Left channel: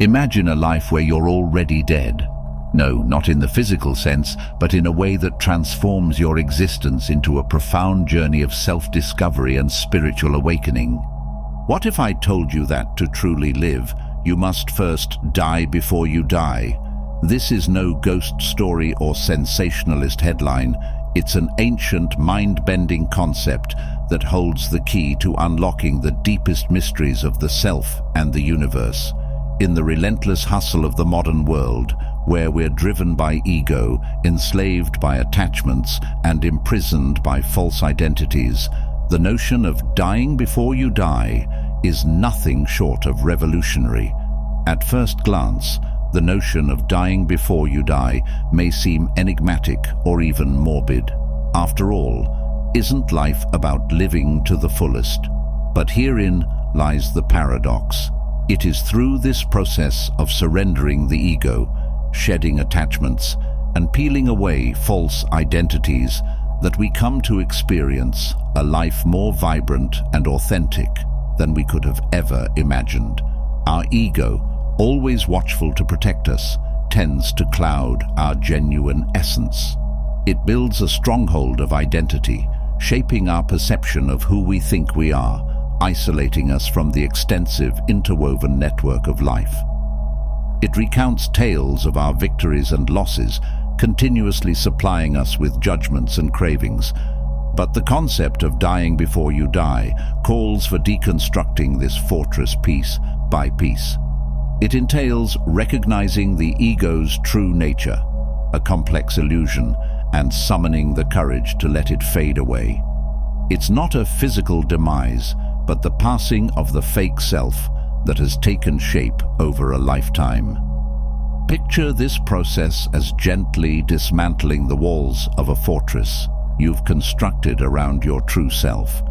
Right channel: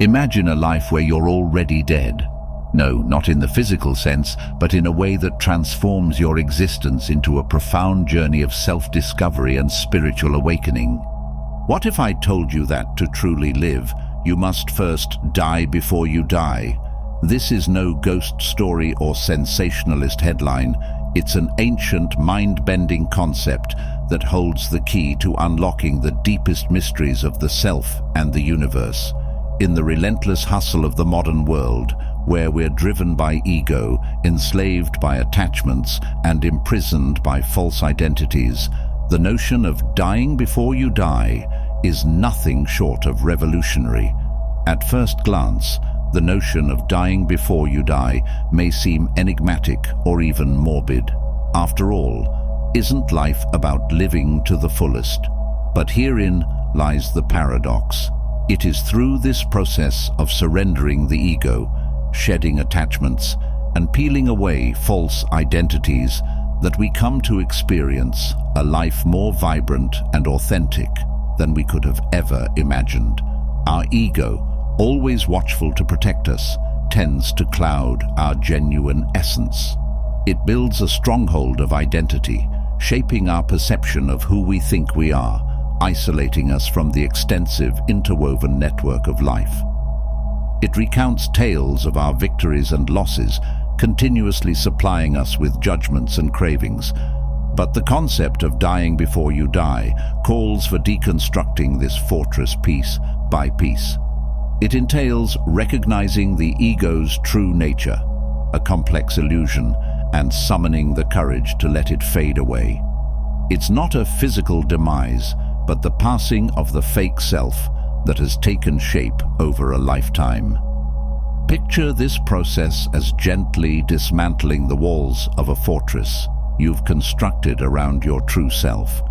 Imagine a life where you're already dead. No, not in the physical sense, but in a way that transforms your existence into a profound journey of self-discovery and spiritual awakening. What if I told you that to truly live, you must first die before you die? This is no ghost story or sensationalist headline. It's an ancient, mind-bending concept that holds the key to unlocking the deepest mysteries of the self and the universe. In the relentless hustle of the modern world, where we're driven by ego, enslaved by attachments, and imprisoned by false identities, the notion of dying before you die is nothing short of revolutionary. At first glance, the notion of dying before you die may seem enigmatic or even morbid. After all, isn't life about living to the fullest? But herein lies the paradox. It is through this process of surrendering the ego, shedding attachments, and peeling away false identities that we come to experience a life more vibrant and authentic than we could have ever imagined. Our ego, always watchful to protect us, tends to cloud our genuine essence. It builds a stronghold of identity, shaping our perception of who we think we are, isolating us from the extensive, interwoven network of life. It recounts tales of our victories and losses, continuously supplying us with judgments and cravings. But the concept of dying before you die calls for deconstructing this fortress piece by piece. It entails recognizing the ego's true nature, a complex illusion, and summoning the courage to let it fade away. It's not a physical demise, but the passing of the fake self that has taken shape over a lifetime. Picture this process as gently dismantling the walls of a fortress you've constructed around your true self.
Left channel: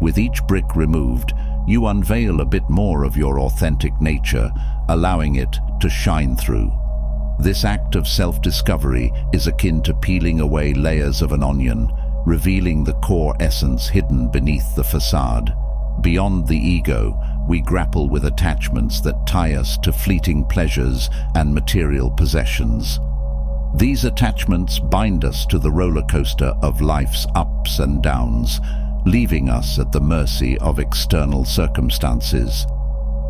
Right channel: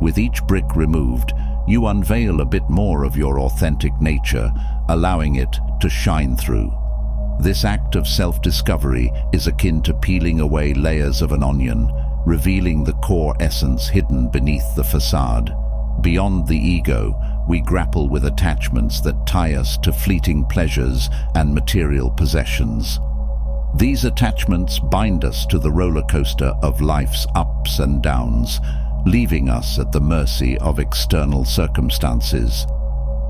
With each brick removed, you unveil a bit more of your authentic nature, allowing it to shine through. This act of self-discovery is akin to peeling away layers of an onion, revealing the core essence hidden beneath the facade. Beyond the ego, we grapple with attachments that tie us to fleeting pleasures and material possessions. These attachments bind us to the roller coaster of life's ups and downs, leaving us at the mercy of external circumstances.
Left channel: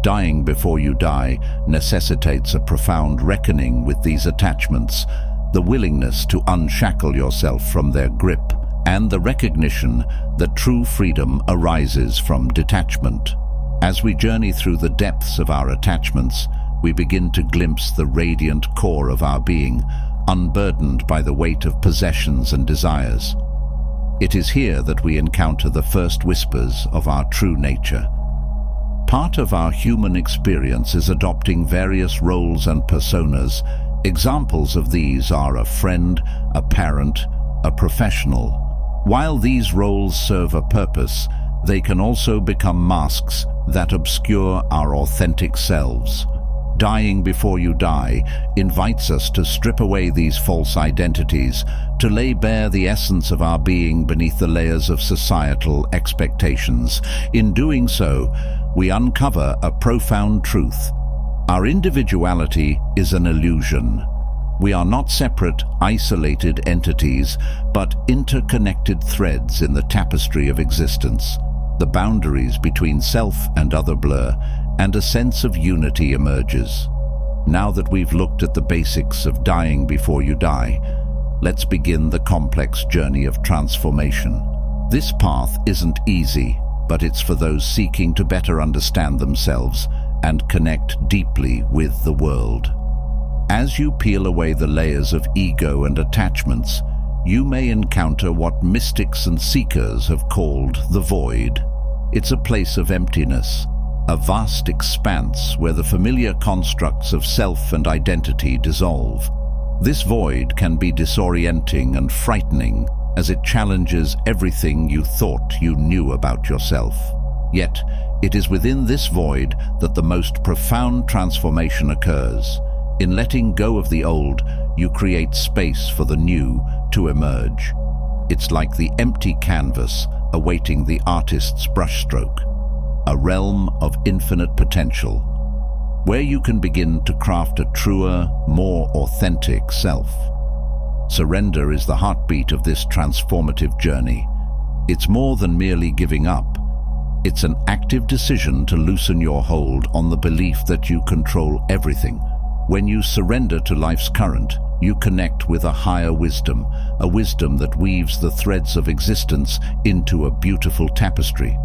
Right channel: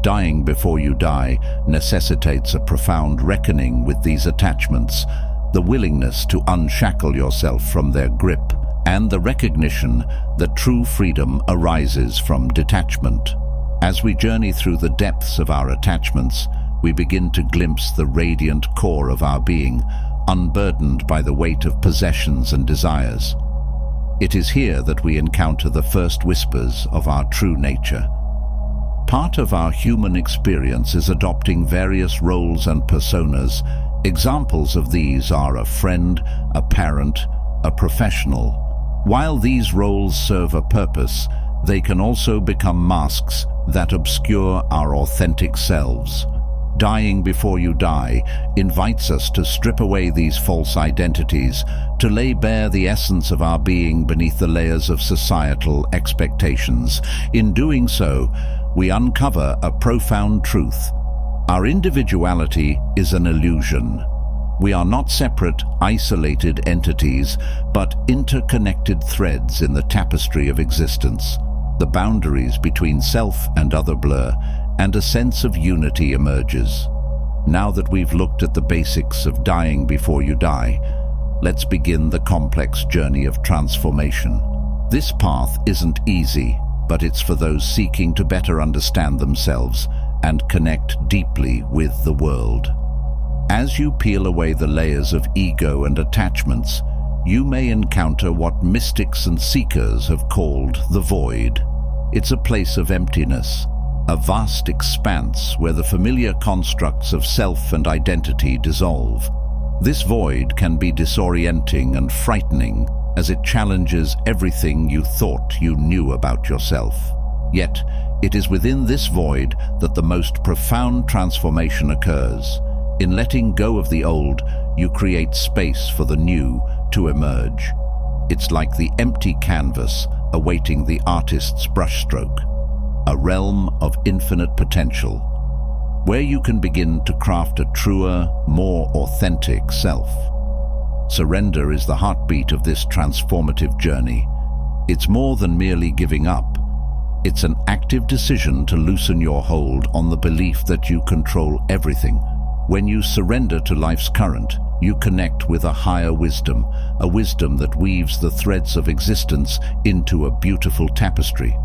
Dying before you die necessitates a profound reckoning with these attachments, the willingness to unshackle yourself from their grip, and the recognition that true freedom arises from detachment. As we journey through the depths of our attachments, we begin to glimpse the radiant core of our being, unburdened by the weight of possessions and desires. It is here that we encounter the first whispers of our true nature. Part of our human experience is adopting various roles and personas. Examples of these are a friend, a parent, a professional. While these roles serve a purpose, they can also become masks that obscure our authentic selves. Dying before you die invites us to strip away these false identities, to lay bare the essence of our being beneath the layers of societal expectations. In doing so, we uncover a profound truth. Our individuality is an illusion. We are not separate, isolated entities, but interconnected threads in the tapestry of existence. The boundaries between self and other blur, and a sense of unity emerges. Now that we've looked at the basics of dying before you die, let's begin the complex journey of transformation. This path isn't easy, but it's for those seeking to better understand themselves and connect deeply with the world. As you peel away the layers of ego and attachments, you may encounter what mystics and seekers have called the void. It's a place of emptiness, a vast expanse where the familiar constructs of self and identity dissolve. This void can be disorienting and frightening, as it challenges everything you thought you knew about yourself. Yet, it is within this void that the most profound transformation occurs. In letting go of the old, you create space for the new to emerge. It's like the empty canvas awaiting the artist's brushstroke, a realm of infinite potential. where you can begin to craft a truer, more authentic self. Surrender is the heartbeat of this transformative journey. It's more than merely giving up. It's an active decision to loosen your hold on the belief that you control everything. When you surrender to life's current, you connect with a higher wisdom, a wisdom that weaves the threads of existence into a beautiful tapestry.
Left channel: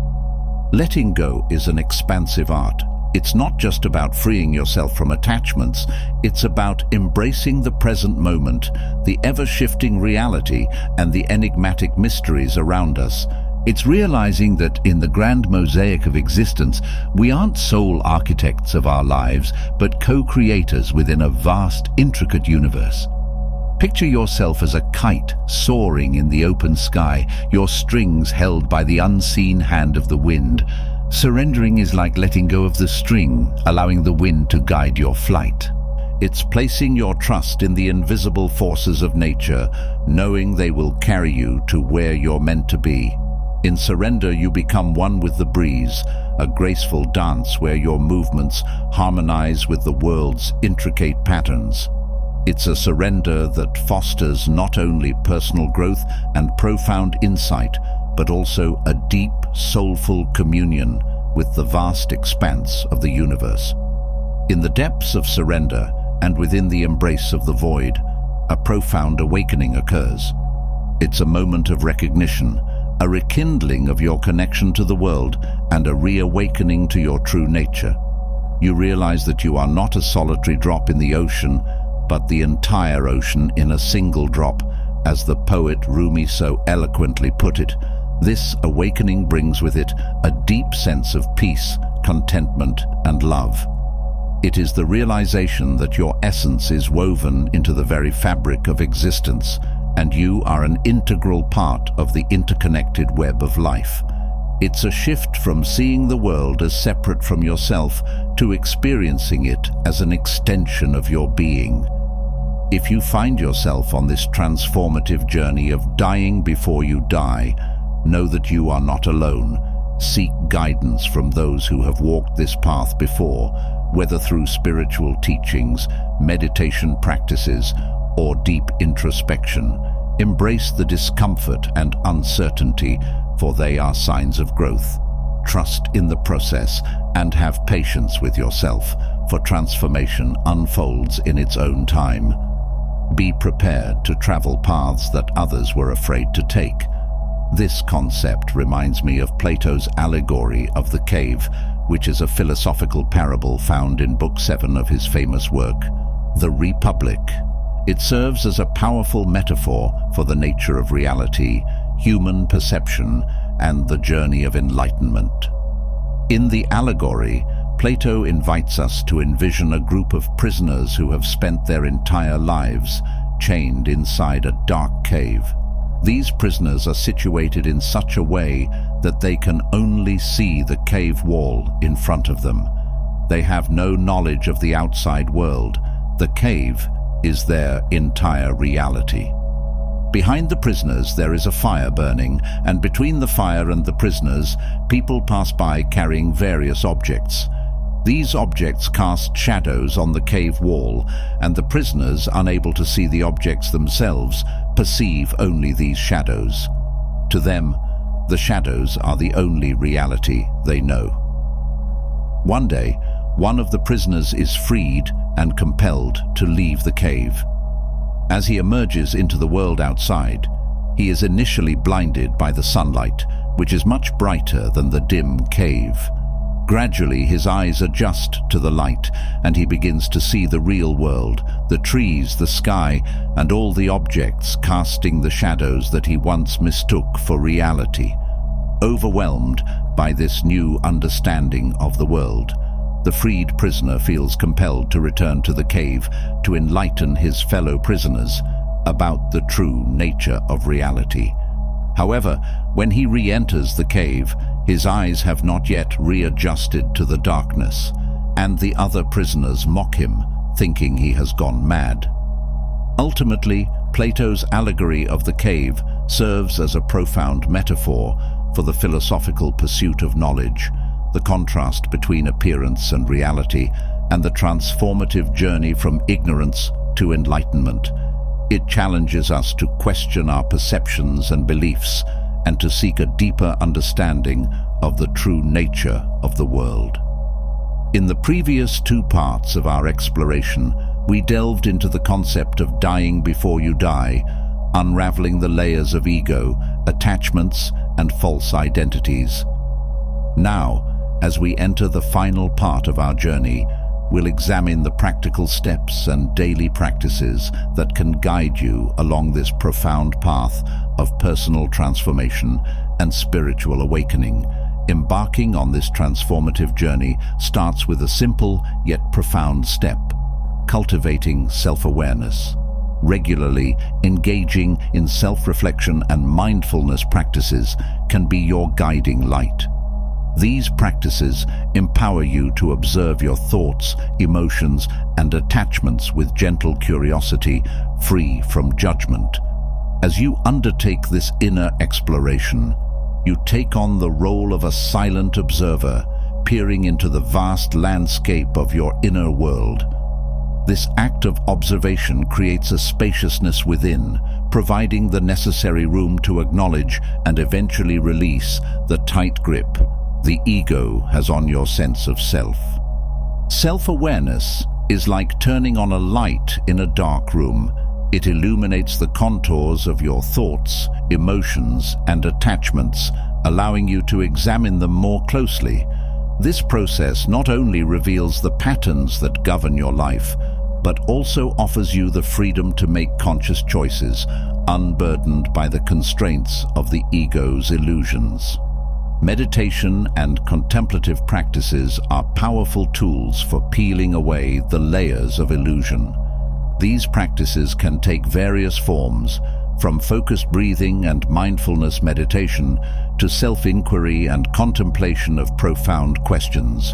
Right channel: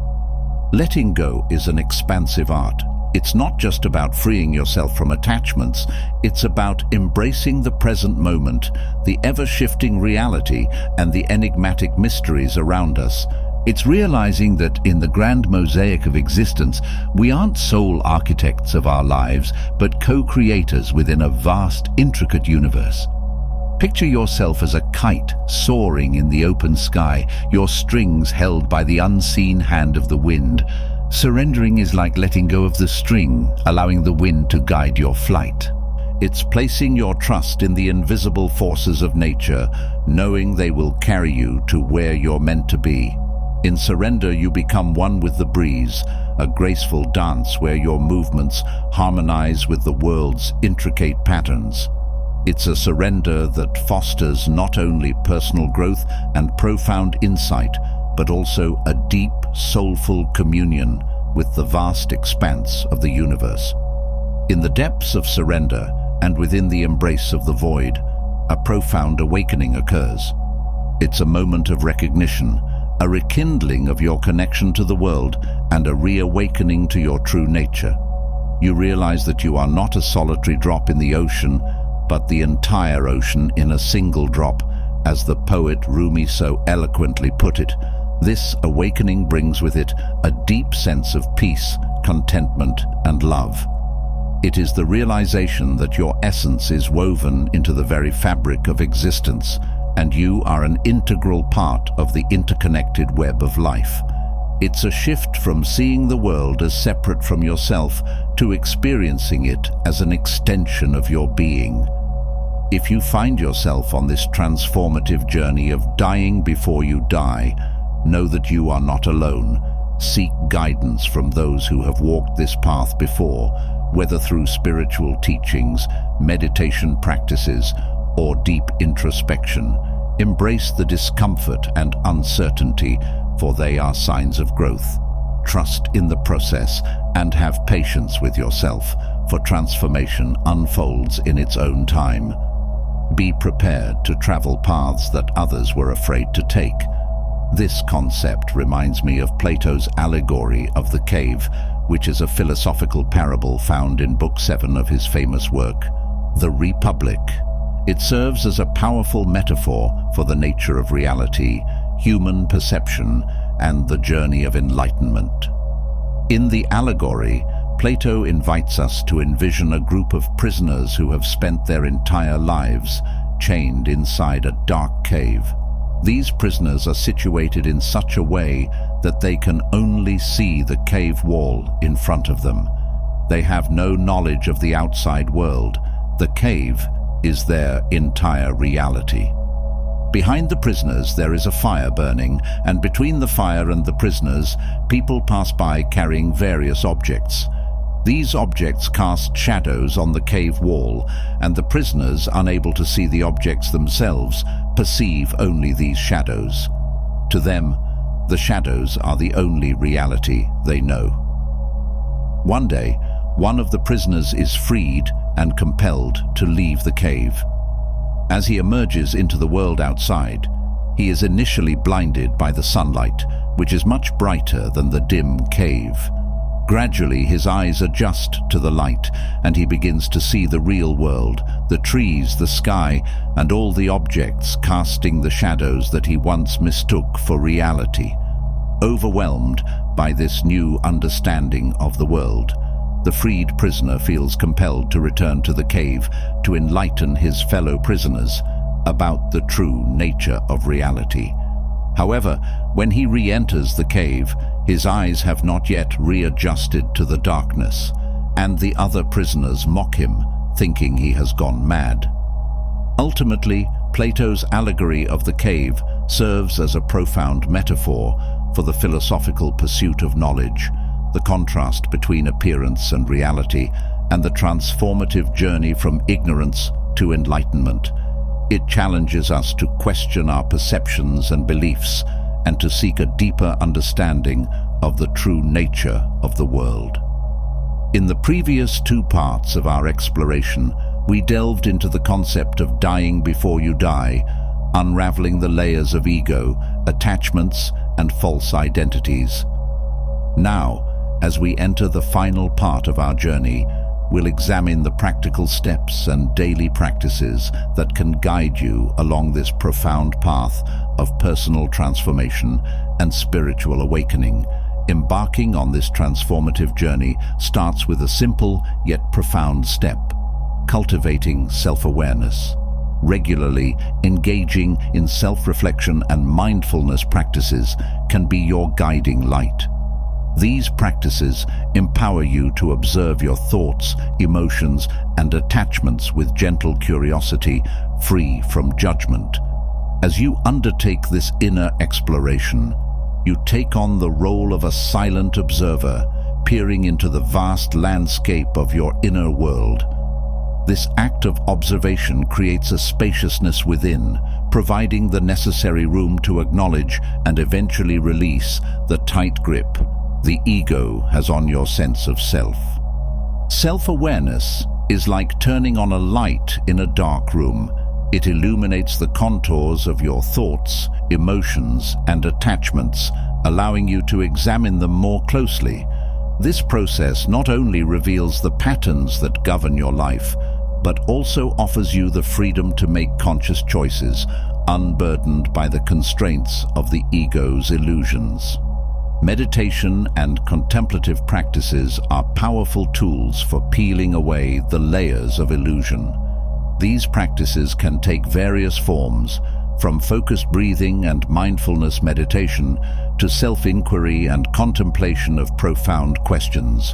Letting go is an expansive art. It's not just about freeing yourself from attachments, it's about embracing the present moment, the ever-shifting reality, and the enigmatic mysteries around us. It's realizing that in the grand mosaic of existence, we aren't sole architects of our lives, but co-creators within a vast, intricate universe. Picture yourself as a kite soaring in the open sky, your strings held by the unseen hand of the wind. Surrendering is like letting go of the string, allowing the wind to guide your flight. It's placing your trust in the invisible forces of nature, knowing they will carry you to where you're meant to be. In surrender, you become one with the breeze, a graceful dance where your movements harmonize with the world's intricate patterns. It's a surrender that fosters not only personal growth and profound insight, but also a deep, soulful communion with the vast expanse of the universe. In the depths of surrender and within the embrace of the void, a profound awakening occurs. It's a moment of recognition, a rekindling of your connection to the world, and a reawakening to your true nature. You realize that you are not a solitary drop in the ocean, but the entire ocean in a single drop, as the poet Rumi so eloquently put it. This awakening brings with it a deep sense of peace, contentment, and love. It is the realization that your essence is woven into the very fabric of existence, and you are an integral part of the interconnected web of life. It's a shift from seeing the world as separate from yourself to experiencing it as an extension of your being. If you find yourself on this transformative journey of dying before you die, know that you are not alone. Seek guidance from those who have walked this path before, whether through spiritual teachings, meditation practices, or deep introspection. Embrace the discomfort and uncertainty, for they are signs of growth. Trust in the process and have patience with yourself, for transformation unfolds in its own time. Be prepared to travel paths that others were afraid to take. This concept reminds me of Plato's allegory of the cave, which is a philosophical parable found in Book 7 of his famous work, The Republic. It serves as a powerful metaphor for the nature of reality, human perception, and the journey of enlightenment. In the allegory, Plato invites us to envision a group of prisoners who have spent their entire lives chained inside a dark cave. These prisoners are situated in such a way that they can only see the cave wall in front of them. They have no knowledge of the outside world. The cave is their entire reality. Behind the prisoners there is a fire burning, and between the fire and the prisoners, people pass by carrying various objects. These objects cast shadows on the cave wall, and the prisoners, unable to see the objects themselves, perceive only these shadows. To them, the shadows are the only reality they know. One day, one of the prisoners is freed and compelled to leave the cave. As he emerges into the world outside, he is initially blinded by the sunlight, which is much brighter than the dim cave. Gradually, his eyes adjust to the light, and he begins to see the real world, the trees, the sky, and all the objects casting the shadows that he once mistook for reality. Overwhelmed by this new understanding of the world, the freed prisoner feels compelled to return to the cave to enlighten his fellow prisoners about the true nature of reality. However, when he re-enters the cave, his eyes have not yet readjusted to the darkness, and the other prisoners mock him, thinking he has gone mad. Ultimately, Plato's allegory of the cave serves as a profound metaphor for the philosophical pursuit of knowledge, the contrast between appearance and reality, and the transformative journey from ignorance to enlightenment. It challenges us to question our perceptions and beliefs and to seek a deeper understanding of the true nature of the world. In the previous two parts of our exploration, we delved into the concept of dying before you die, unraveling the layers of ego, attachments, and false identities. Now, as we enter the final part of our journey, we'll examine the practical steps and daily practices that can guide you along this profound path of personal transformation and spiritual awakening. Embarking on this transformative journey starts with a simple yet profound step: cultivating self-awareness. Regularly engaging in self-reflection and mindfulness practices can be your guiding light. These practices empower you to observe your thoughts, emotions, and attachments with gentle curiosity, free from judgment. As you undertake this inner exploration, you take on the role of a silent observer, peering into the vast landscape of your inner world. This act of observation creates a spaciousness within, providing the necessary room to acknowledge and eventually release the tight grip the ego has on your sense of self. Self-awareness is like turning on a light in a dark room. It illuminates the contours of your thoughts, emotions, and attachments, allowing you to examine them more closely. This process not only reveals the patterns that govern your life, but also offers you the freedom to make conscious choices, unburdened by the constraints of the ego's illusions. Meditation and contemplative practices are powerful tools for peeling away the layers of illusion. These practices can take various forms, from focused breathing and mindfulness meditation to self-inquiry and contemplation of profound questions.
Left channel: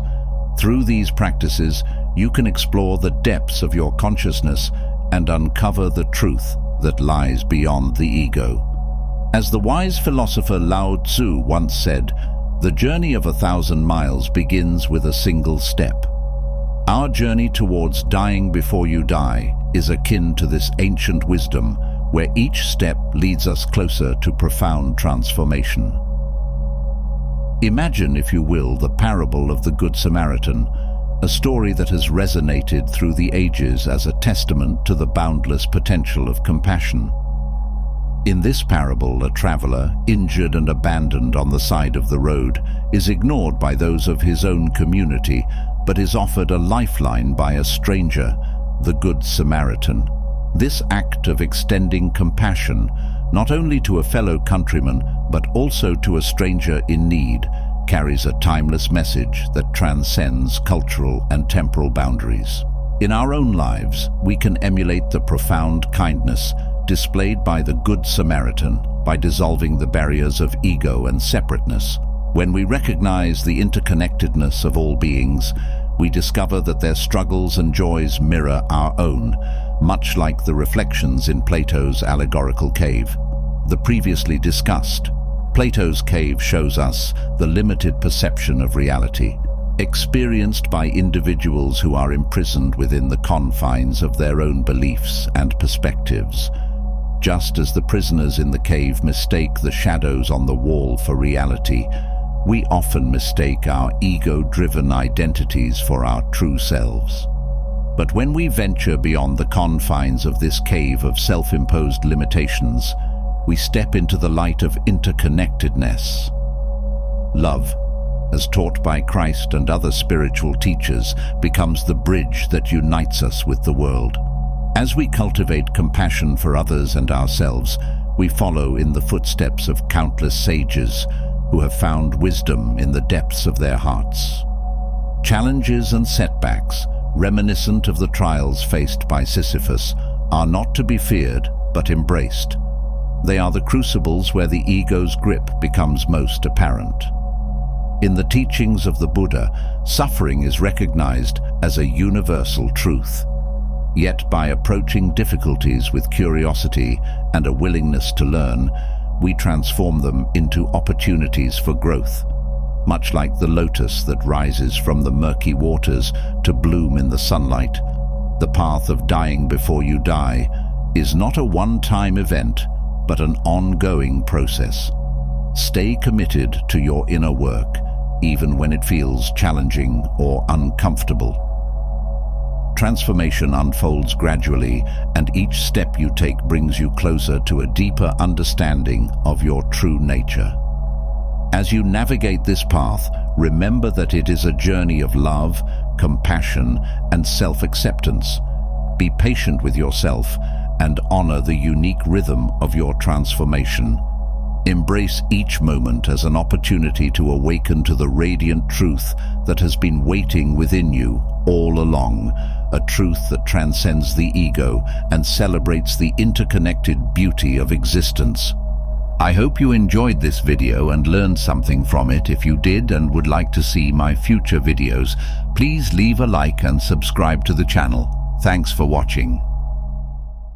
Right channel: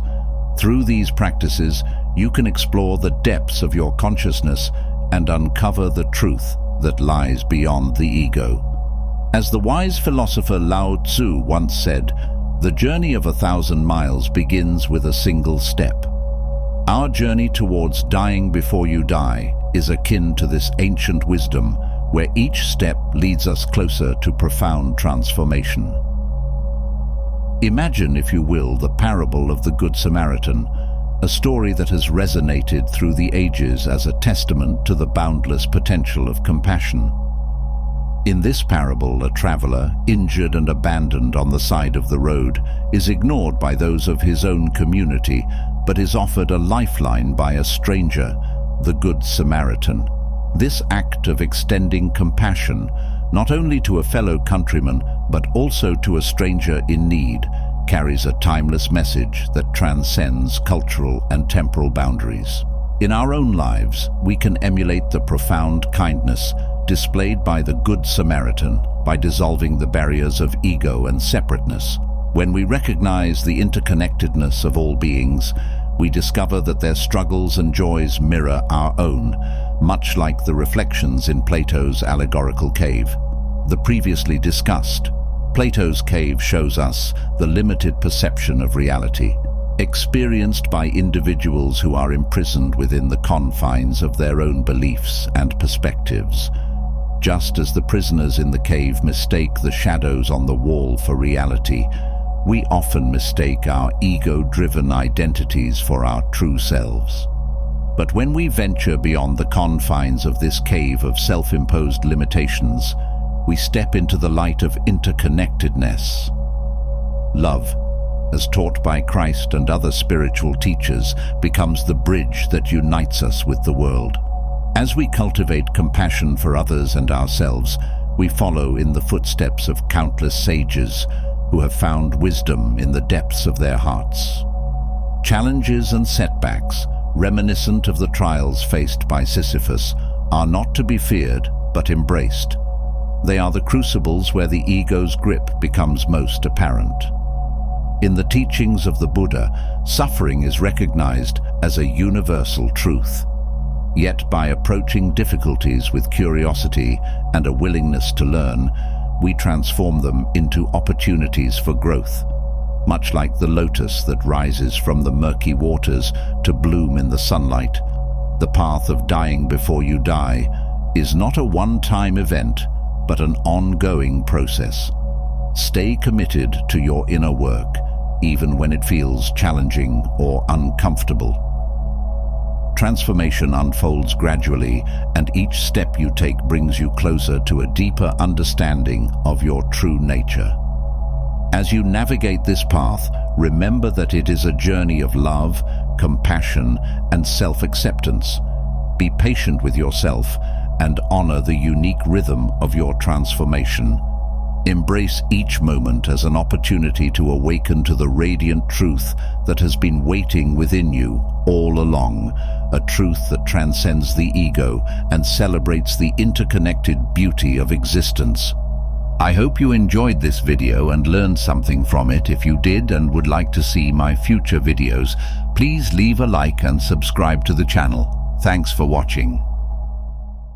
Through these practices, you can explore the depths of your consciousness and uncover the truth that lies beyond the ego. As the wise philosopher Lao Tzu once said, "The journey of 1,000 miles begins with a single step." Our journey towards dying before you die is akin to this ancient wisdom, where each step leads us closer to profound transformation. Imagine, if you will, the parable of the Good Samaritan, a story that has resonated through the ages as a testament to the boundless potential of compassion. In this parable, a traveler, injured and abandoned on the side of the road, is ignored by those of his own community, but is offered a lifeline by a stranger, the Good Samaritan. This act of extending compassion, not only to a fellow countryman, but also to a stranger in need, carries a timeless message that transcends cultural and temporal boundaries. In our own lives, we can emulate the profound kindness displayed by the Good Samaritan by dissolving the barriers of ego and separateness. When we recognize the interconnectedness of all beings, we discover that their struggles and joys mirror our own, much like the reflections in Plato's allegorical cave. The previously discussed, Plato's cave shows us the limited perception of reality, experienced by individuals who are imprisoned within the confines of their own beliefs and perspectives. Just as the prisoners in the cave mistake the shadows on the wall for reality, we often mistake our ego-driven identities for our true selves. But when we venture beyond the confines of this cave of self-imposed limitations, we step into the light of interconnectedness. Love, as taught by Christ and other spiritual teachers, becomes the bridge that unites us with the world. As we cultivate compassion for others and ourselves, we follow in the footsteps of countless sages who have found wisdom in the depths of their hearts. Challenges and setbacks, reminiscent of the trials faced by Sisyphus, are not to be feared but embraced. They are the crucibles where the ego's grip becomes most apparent. In the teachings of the Buddha, suffering is recognized as a universal truth. Yet by approaching difficulties with curiosity and a willingness to learn, we transform them into opportunities for growth. Much like the lotus that rises from the murky waters to bloom in the sunlight, the path of dying before you die is not a one-time event, but an ongoing process. Stay committed to your inner work, even when it feels challenging or uncomfortable. Transformation unfolds gradually, and each step you take brings you closer to a deeper understanding of your true nature. As you navigate this path, remember that it is a journey of love, compassion, and self-acceptance. Be patient with yourself and honor the unique rhythm of your transformation. Embrace each moment as an opportunity to awaken to the radiant truth that has been waiting within you all along, a truth that transcends the ego and celebrates the interconnected beauty of existence. I hope you enjoyed this video and learned something from it. If you did and would like to see my future videos, please leave a like and subscribe to the channel. Thanks for watching.